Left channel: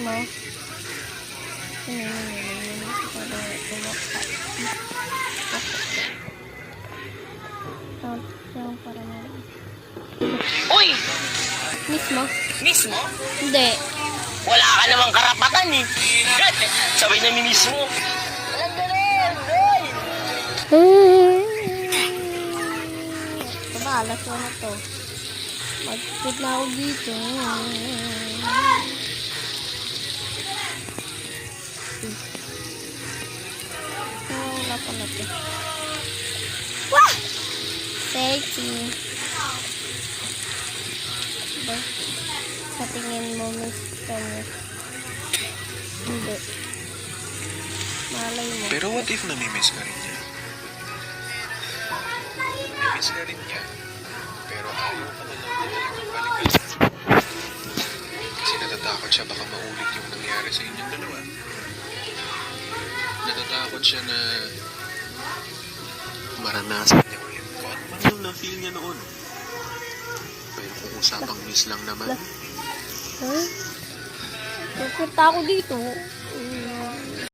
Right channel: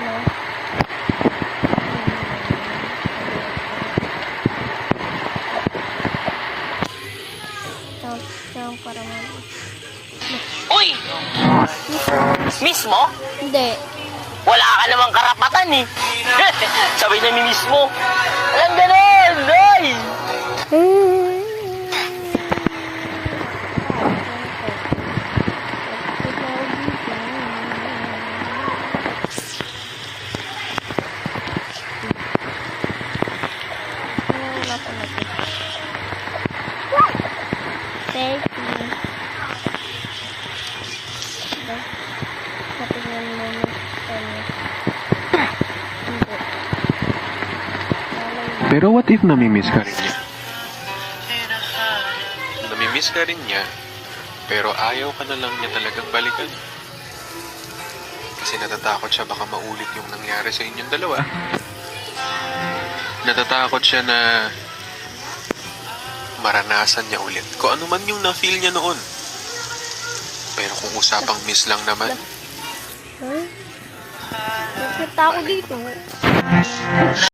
mo. Countdown para mo. Uy! Mismo? Mismo? Hindi. Wala ka namang karapatan eh. Sabay na mismo. Alam ganun, Doy! Saan? Ano to? Nagpapit na ako dito. Wala ko na to. Wah! Sexy. Diba? Patingin mo kanya. Hindi. Malay mo. Pero what if namimiss ka rin niya? Namimiss ka rin niya, pero ayaw ka na lang niya talagang balikan. Kasi natatakot siya baka maulit yung nangyari sa inyong dalawa. Natatakot siya na maranasan niya ulit. Kung ano man yung na-feel niya noon. Pero kung usapang miss lang naman, Huh? Nakita ako dito.